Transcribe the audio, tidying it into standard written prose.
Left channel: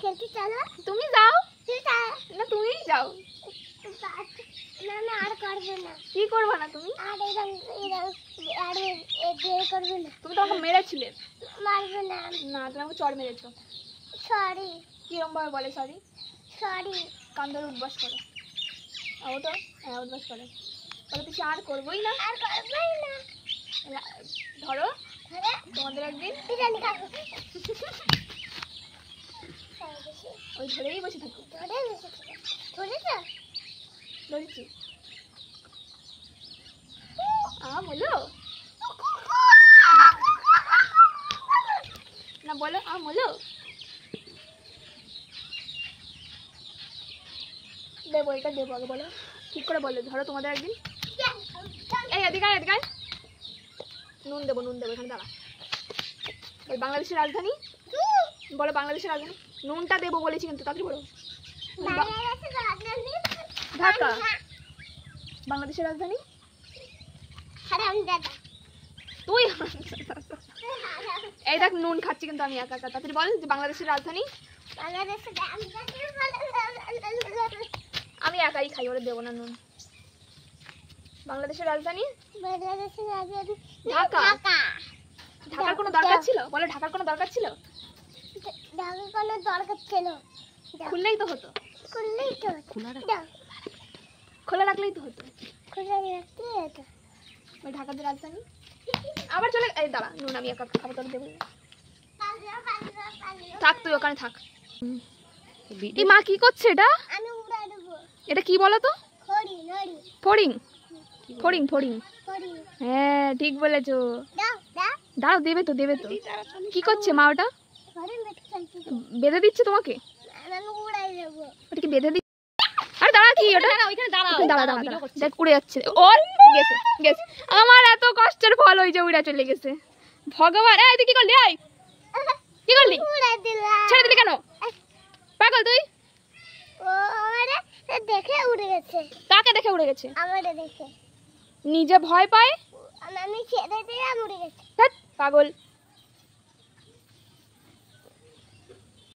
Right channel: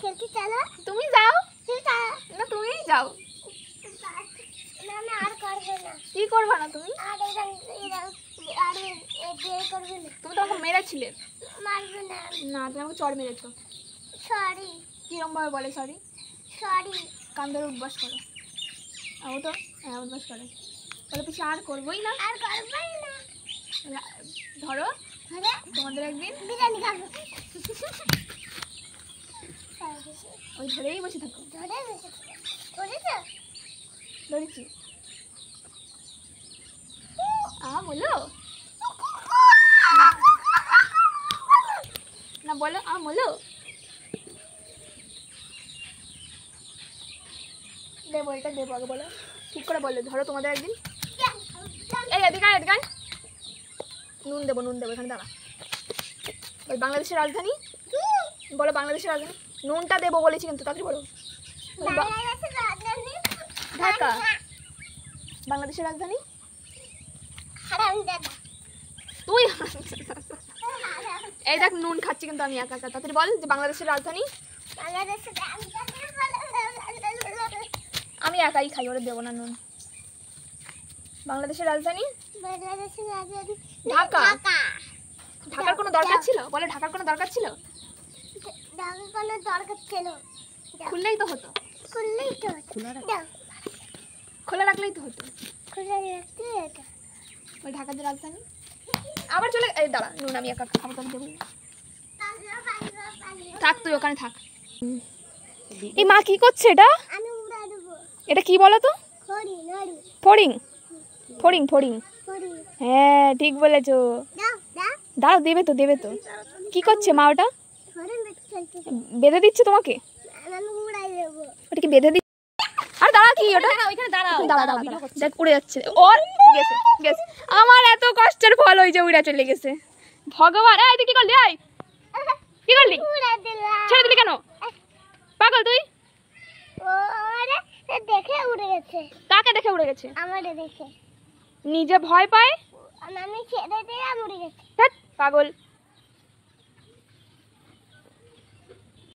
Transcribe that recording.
খেলতে চলো। তুমি যাও না, তুমি যাও। না আর করবে না। কি করবে না তুমি? আর করবে না। তুমি তো আমাকে মেরেছিলে। মারবে না। না, তুমি আমাকে চড় মেরেছো। সরি। কিরম ভাবে বলে সরি? সরি। কান ধরে উঠবাস করো। ও তো হ্যাঁ উঠবাস করে। বলে পিছু আর করবোই না। আর করবেই না। ধরো তোমাদের একদিন বিরিয়ানি খাবো। ওই ধরেই বসে থাকো। ধরেছি। বলো না, বলো বলো। দেবো, এটা দেবো আগে বলো। ঠিক করে বললে ধরো তোমাদের একদিন। এই এদিকে এদিকে নুন দেবো এখানে দাঁড়া। ওই বাংলাদেশের রাজধানী বলো, বাংলাদেশের রাজধানী। নুনটা দেবো বলেছি কিন্তু তাড়াতাড়ি বলো। ঢাকা। বাংলাদেশের রাজধানী তুই। এই দেখ নুন খাচ্ছি কিন্তু আমি একা একা। তাড়াতাড়ি বল যে বাংলাদেশের রাজধানী। আমি একাই খাই, ওরে দেবো না নুন। বাংলাদেশের রাজধানী ঢাকা। ঢাকার কোনো দরকার ছিল? বলে ঢাকার কোনো দরকার ছিল? ঢাকার কোনো দরকার ছিল? খুললেই তো হতো। খোলা রাখলেই তো হতো। ওই ঢাকার যে রাজধানী আবার চলে। এই দাঁড়া, নুন আমি একা খাবো, তাহলে দেবো। থাক তুই ওখানে থাক। এই মা কি করছে এটা? এটা কি বলো তো? ফড়িং। ফড়িং ফড়িং। হ্যাঁ ঠিক বলেছো। দাও, দেবে তো দেবে তো। কি করছে মা ওটা? বেঁধে দিচ্ছে তোমাকে? ওটা কি বেঁধে দিচ্ছে? আর দাঁড়া, কি ওটা? দেখ উড়ে যাচ্ছে। ওর গেছে গেছে। আমার এত কষ্টের ফল হয়েছে, উড়ে চলে গেছে। ভগবান, এই তুই কি করলি? কি করলি? ছেড়ে দিলি কেন? পাগল তুই। দেখে উড়ে গেছে। কাকে দেখে উড়ে গেছে? আমারে দেখে। নিজে ভয় পায়। আমি ছেড়ে দিয়ে উড়ে গেছে। পাগল।